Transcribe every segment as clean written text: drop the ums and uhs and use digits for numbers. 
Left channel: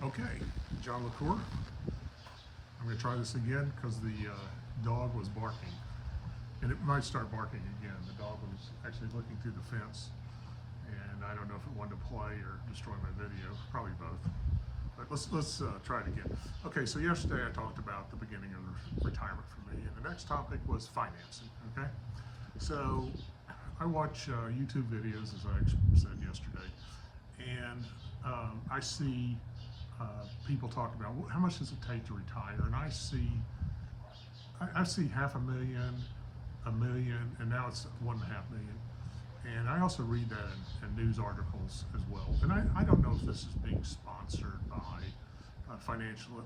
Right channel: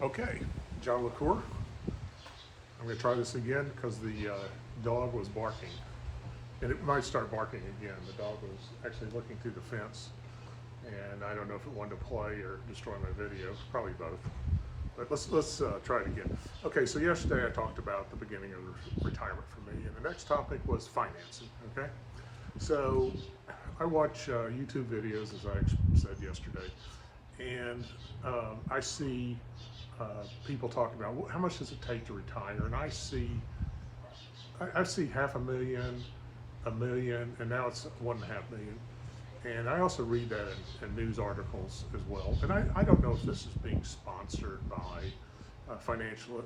Okay, John LaCour. I'm going to try this again because the dog was barking. And it might start barking again. The dog was actually looking through the fence. And I don't know if it wanted to play or destroy my video. Probably both. But let's try it again. Okay, so yesterday I talked about the beginning of retirement for me. And the next topic was financing, okay? So I watch YouTube videos, as I said yesterday. And I see people talking about, well, how much does it take to retire? And I see $500,000, $1 million, and now it's 1.5 million. And I also read that in news articles as well. And I don't know if this is being sponsored by financial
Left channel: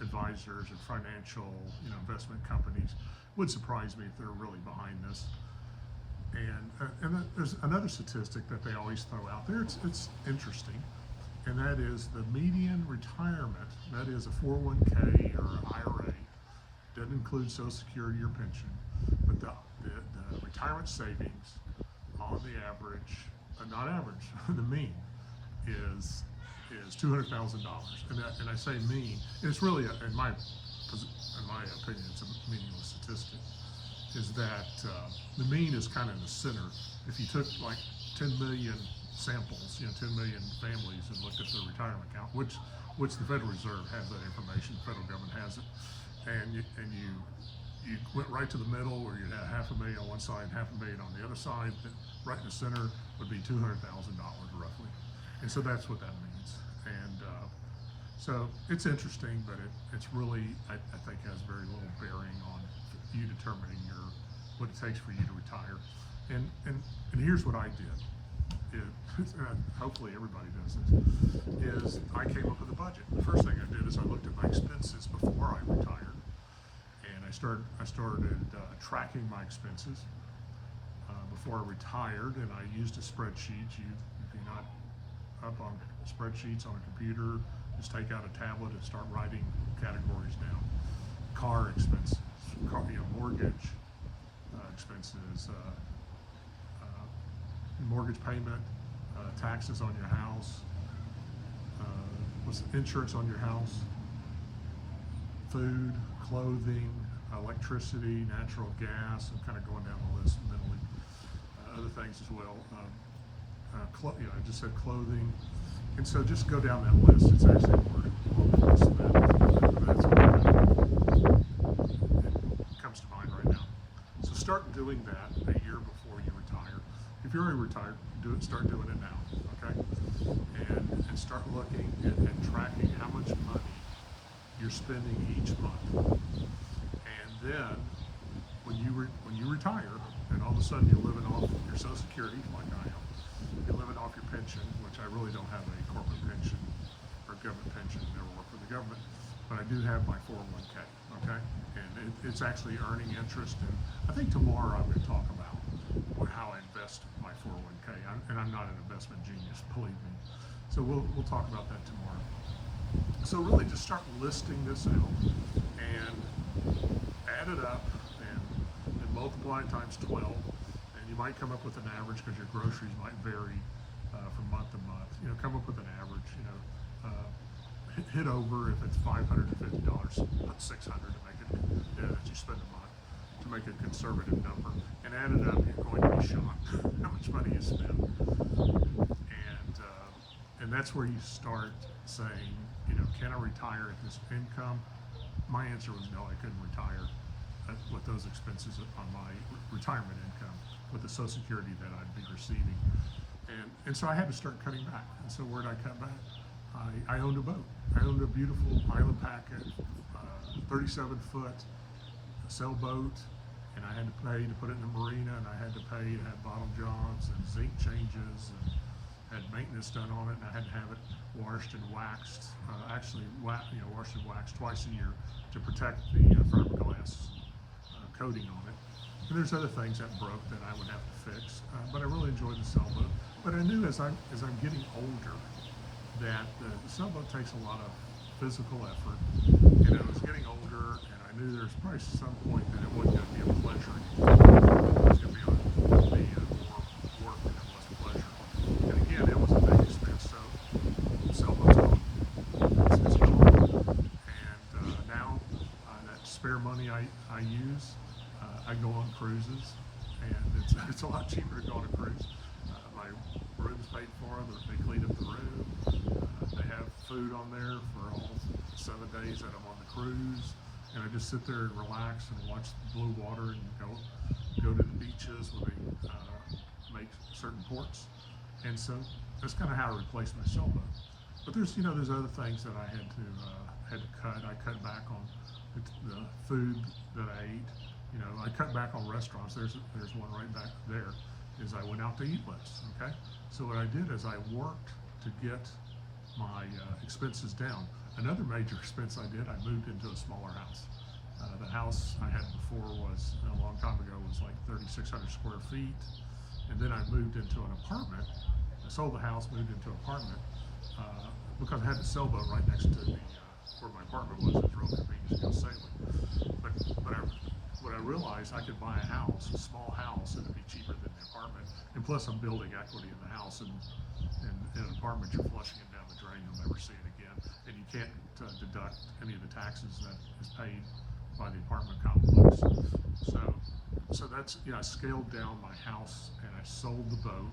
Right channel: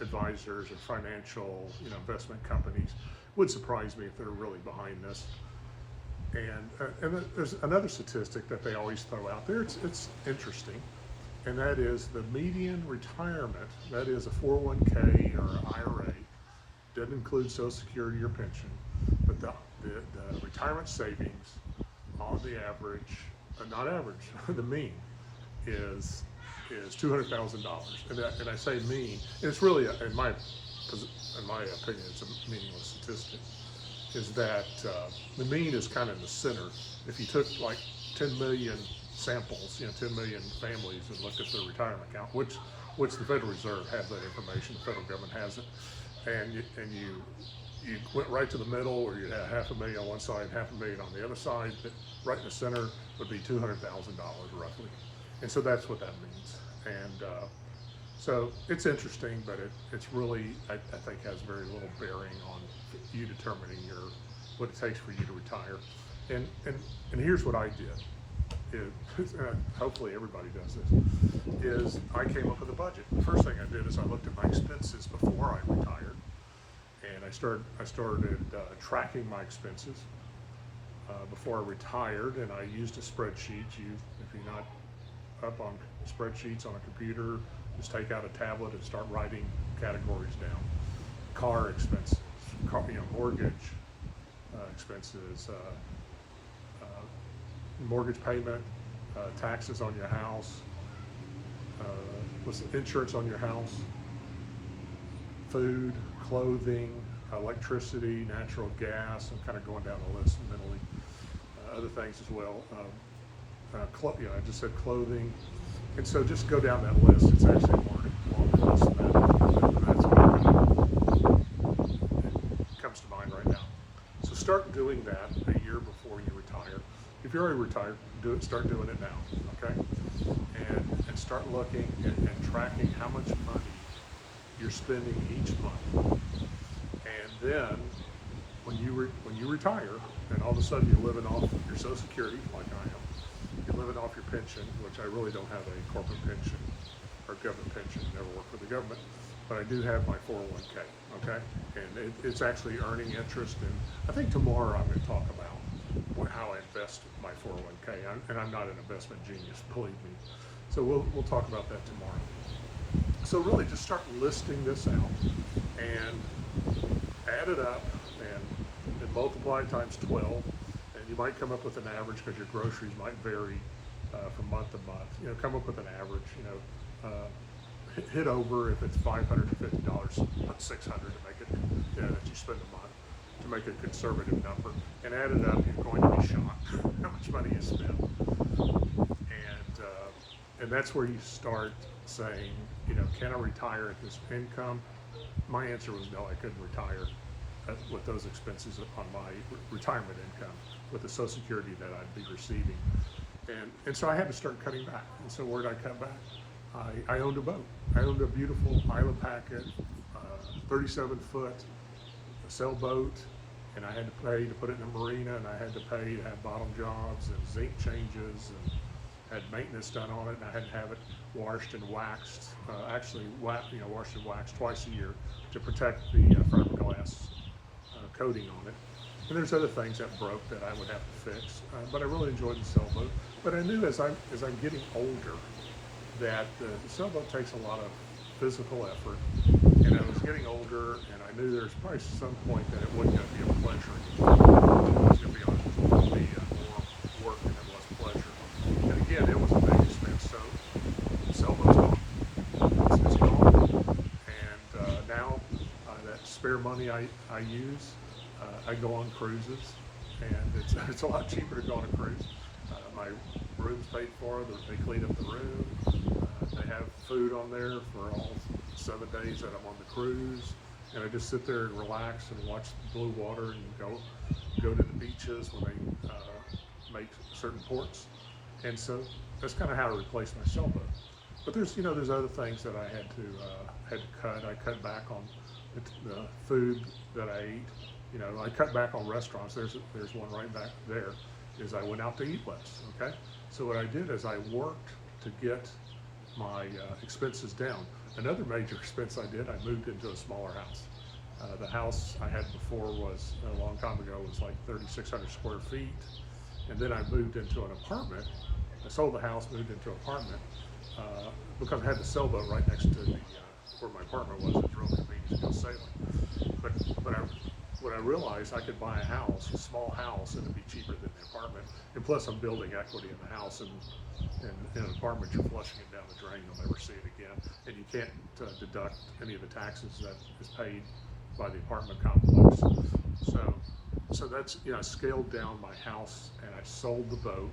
advisors or financial investment companies. Would surprise me if they're really behind this. And there's another statistic that they always throw out there. It's interesting, and that is the median retirement. That is a 401k or IRA. Doesn't include Social Security or pension, but the retirement savings on the average, not average, the mean is $200,000. And I say mean, and it's really, in my opinion, it's a meaningless statistic. Is that the mean is kind of in the center. If you took like 10 million samples, 10 million families, and looked at their retirement account, which the Federal Reserve has that information, the federal government has it, and you went right to the middle, where you had $500,000 on one side, $500,000 on the other side, that right in the center would be $200,000 roughly. And so that's what that means. And so it's interesting, but it's really, I think, has very little bearing on you determining what it takes for you to retire. And here's what I did. Hopefully everybody does this, is I came up with a budget. The first thing I did is I looked at my expenses before I retired. And I started tracking my expenses before I retired, and I used a spreadsheet. If you're not up on spreadsheets on a computer, just take out a tablet and start writing categories down. Car expenses, mortgage expenses, mortgage payment, taxes on your house, what's the insurance on your house, food, clothing, electricity, natural gas. I'm kind of going down the list mentally. Other things as well. I just said clothing. And so just go down that list. It's actually a more longer list than that. But that's what it comes to mind right now. So start doing that a year before you retire. If you're already retired, start doing it now, okay? And start looking and tracking how much money you're spending each month. And then when you retire, and all of a sudden you're living off your Social Security, like I am, you're living off your pension, which I really don't have a corporate pension or government pension, never worked for the government, but I do have my 401k, okay? And it's actually earning interest, and I think tomorrow I'm going to talk about how I invest my 401k, and I'm not an investment genius, believe me. So we'll talk about that tomorrow. So really just start listing this out and add it up and multiply it times 12, and you might come up with an average because your groceries might vary from month to month. Come up with an average, hit over if it's $550, put $600 to make it, that you spend a month, to make a conservative number, and add it up. You're going to be shocked how much money you spend. And that's where you start saying, can I retire at this income? My answer was no, I couldn't retire with those expenses on my retirement income, with the Social Security that I'd be receiving. And so I had to start cutting back. And so where did I cut back? I owned a boat. I owned a beautiful Island Packet, 37-foot sailboat, and I had to pay to put it in a marina, and I had to pay to have bottom jobs and zinc changes, and had maintenance done on it, and I had to have it washed and waxed, washed and waxed twice a year to protect the fiberglass coating on it. And there's other things that broke that I would have to fix, but I really enjoyed the sailboat. But I knew as I'm getting older that the sailboat takes a lot of physical effort, and I was getting older, and I knew there's probably some point that it wasn't going to be a pleasure anymore. It was going to be more work than it was pleasure. And again, it was a big expense, so the sailboat's gone. spare money I use, I go on cruises, and it's a lot cheaper to go on a cruise. My room's paid for, they clean up the room, they have food on there for all 7 days that I'm on the cruise, and I just sit there and relax and watch the blue water and go to the beaches when they make certain ports. And so that's kind of how I replaced my sailboat. But there's other things that I had to cut. I cut back on the food that I eat. I cut back on restaurants. There's one right back there. Is I went out to eat less. Okay, so what I did is I worked to get my expenses down. Another major expense I did, I moved into a smaller house. The house I had before was a long time ago was like 3,600 square feet, and then I moved into an apartment. I sold the house, moved into an apartment because I had the sailboat right next to where my apartment was. It was real convenient to go sailing. But what I realized, I could buy a small house, and it'd be cheaper than the apartment. And plus, I'm building equity in the house, and in an apartment, you're flushing it down the drain. You'll never see it again, and you can't deduct any of the taxes that is paid by the apartment complex. So that's, I scaled down my house, and I sold the boat,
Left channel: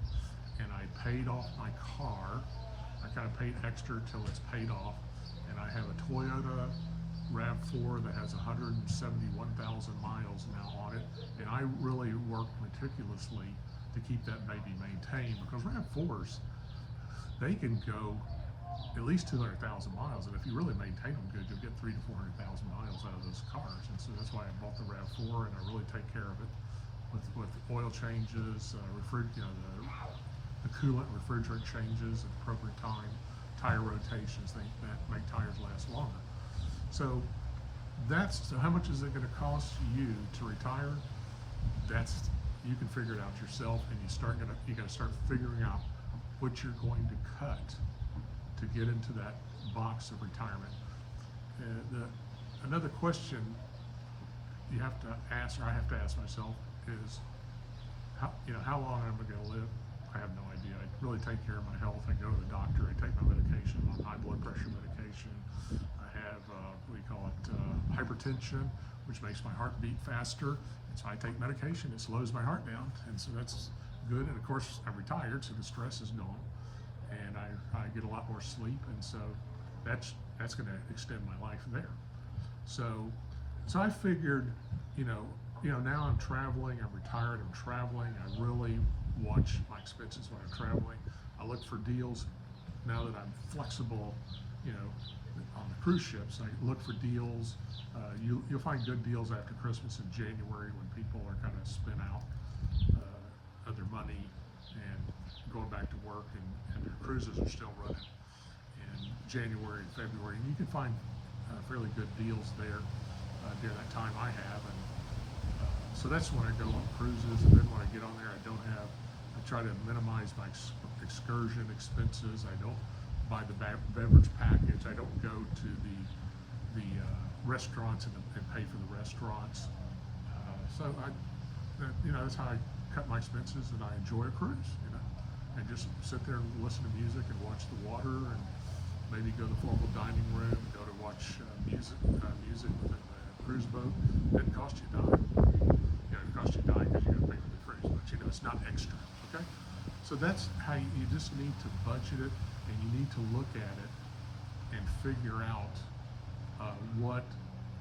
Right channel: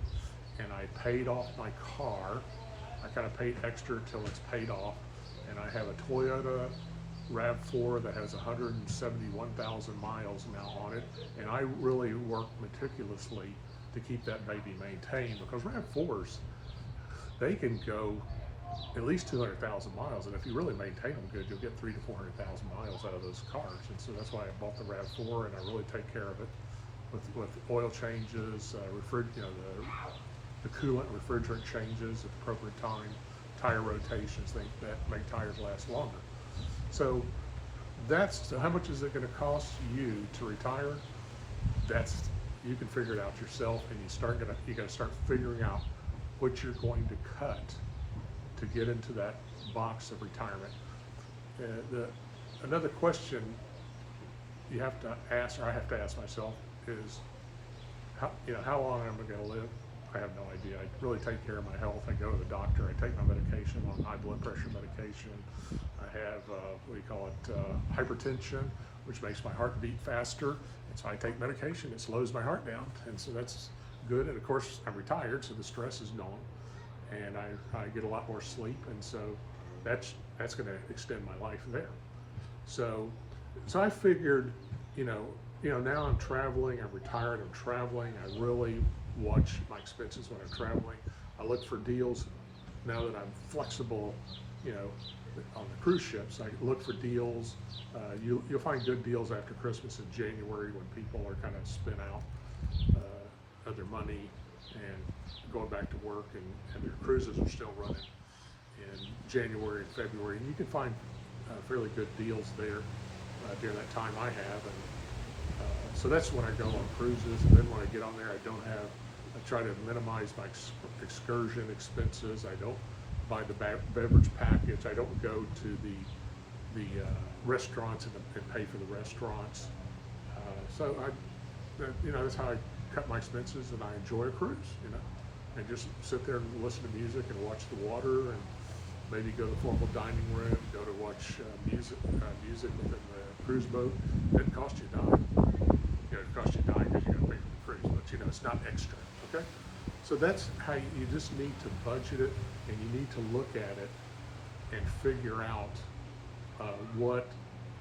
and I paid off my car. I kind of paid extra till it's paid off, and I have a Toyota RAV4 that has 171,000 miles now on it, and I really work meticulously to keep that baby maintained, because RAV4s, they can go at least 200,000 miles, and if you really maintain them good, you'll get 300,000 to 400,000 miles out of those cars. And so that's why I bought the RAV4, and I really take care of it with oil changes, the coolant, refrigerant changes at the appropriate time, tire rotations, things that make tires last longer. So how much is it going to cost you to retire? You can figure it out yourself, and you got to start figuring out what you're going to cut to get into that box of retirement. Another question you have to ask, or I have to ask myself, is how long am I going to live? I have no idea. I really take care of my health. I go to the doctor. I take my medication. I'm on high blood pressure medication. I have hypertension, which makes my heart beat faster. And so I take medication. It slows my heart down, and so that's good. And of course, I'm retired, so the stress is gone, and I get a lot more sleep, and so that's going to extend my life there. So I figured, now I'm traveling. I'm retired. I'm traveling. I really watch my expenses when I'm traveling. I look for deals now that I'm flexible, on the cruise ships. I look for deals. You'll find good deals after Christmas in January, when people are kind of spent out of their money and going back to work, and their cruises are still running in January and February. And you can find fairly good deals there during that time I have. And so that's when I go on cruises. And then when I get on there, I try to minimize my excursion expenses. I don't buy the beverage package. I don't go to the restaurants and pay for the restaurants. So that's how I cut my expenses, and I enjoy a cruise, and just sit there and listen to music and watch the water, and maybe go to the formal dining room, go to watch music within the cruise boat. It doesn't cost you a dime. It costs you a dime because you got to pay for the cruise, but it's not extra. Okay, so that's how you just need to budget it, and you need to look at it and figure out what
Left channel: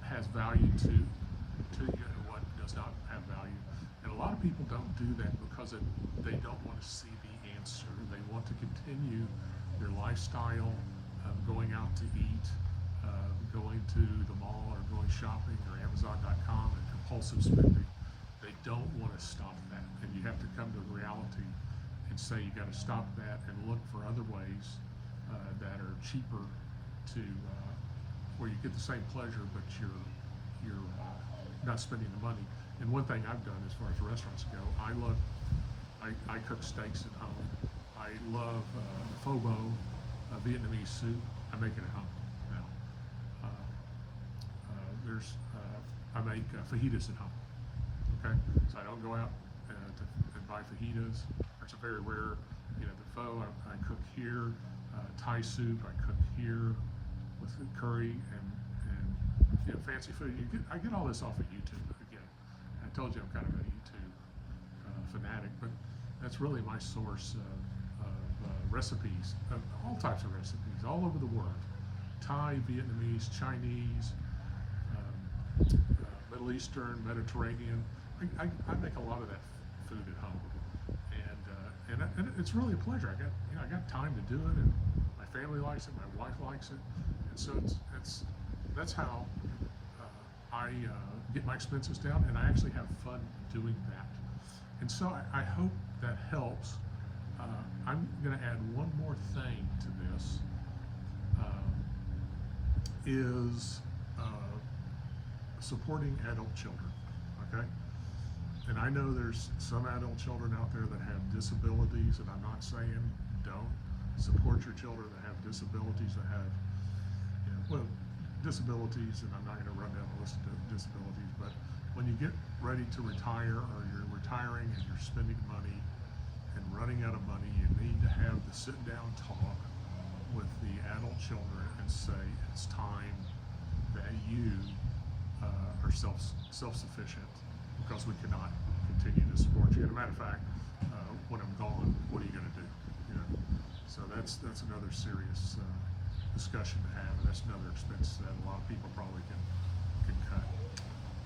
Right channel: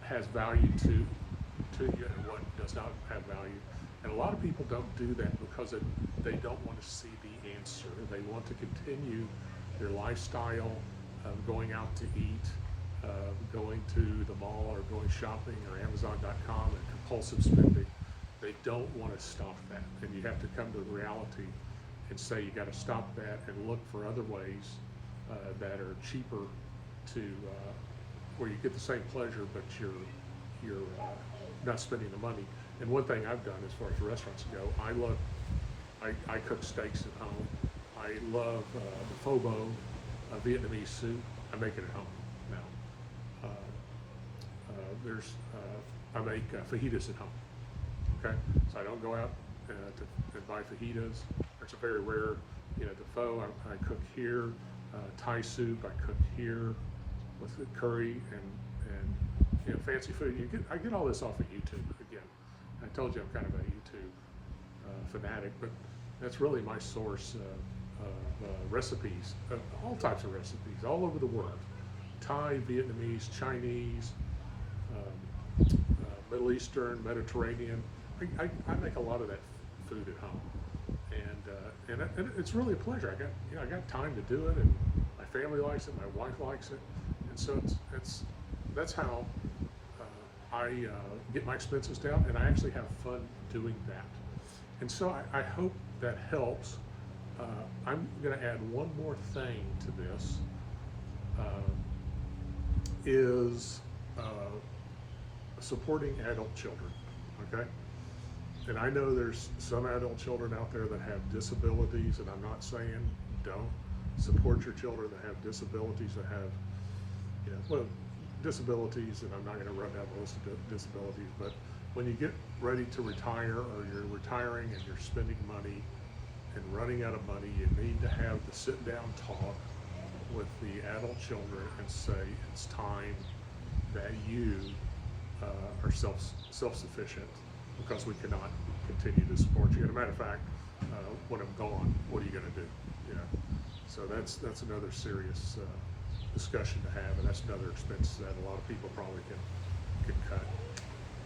has value to you and what does not have value. And a lot of people don't do that because they don't want to see the answer. They want to continue their lifestyle of going out to eat, going to the mall, or going shopping, or Amazon.com, and compulsive spending. They don't want to stop that. And you have to come to the reality and say you got to stop that and look for other ways that are cheaper where you get the same pleasure, but you're not spending the money. And one thing I've done as far as restaurants go, I cook steaks at home. I love the pho bo, Vietnamese soup. I make it at home now. I make fajitas at home. Okay, so I don't go out to buy fajitas. It's a very rare, the pho I cook here. Thai soup I cook here with curry and fancy food. I get all this off of YouTube again. I told you I'm kind of a YouTube fanatic, but that's really my source of recipes, all types of recipes, all over the world. Thai, Vietnamese, Chinese, Middle Eastern, Mediterranean. I make a lot of that food at home, and it's really a pleasure. I got time to do it, and my family likes it, my wife likes it, and so that's how I get my expenses down, and I actually have fun doing that. And so I hope that helps. I'm going to add one more thing to this. Is supporting adult children, okay? And I know there's some adult children out there that have disabilities, and I'm not saying don't support your children that have disabilities, that have, disabilities, and I'm not going to run down the list of disabilities, but when you get ready to retire, or you're retiring and you're spending money and running out of money, you need to have the sit-down talk with the adult children and say it's time that you are self-sufficient, because we cannot continue to support you. As a matter of fact, when I'm gone, what are you going to do? So that's another serious discussion to have, and that's another expense that a lot of people probably can cut.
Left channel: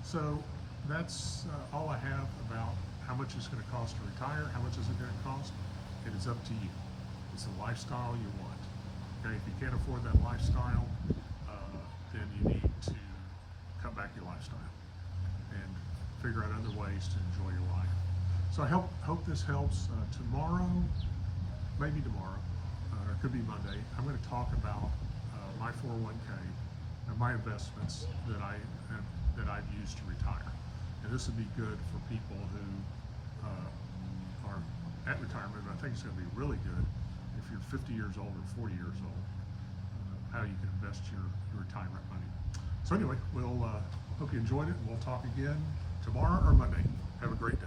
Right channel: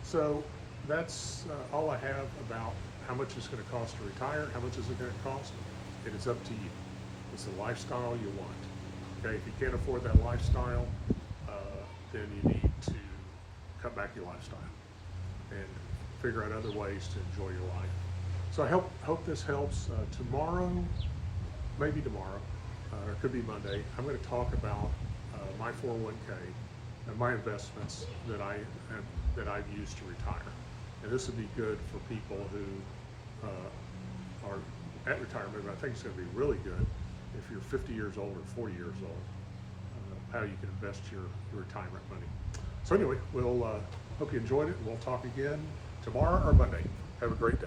So that's all I have about how much it's going to cost to retire. How much is it going to cost? It is up to you. It's a lifestyle you want. Okay, if you can't afford that lifestyle, then you need to cut back your lifestyle and figure out other ways to enjoy your life. So I hope this helps. Tomorrow, maybe tomorrow, or it could be Monday, I'm going to talk about my 401k and my investments that I've used to retire. And this would be good for people who are at retirement, but I think it's going to be really good if you're 50 years old or 40 years old, how you can invest your retirement money. So anyway, we'll hope you enjoyed it, and we'll talk again tomorrow or Monday. Have a great day.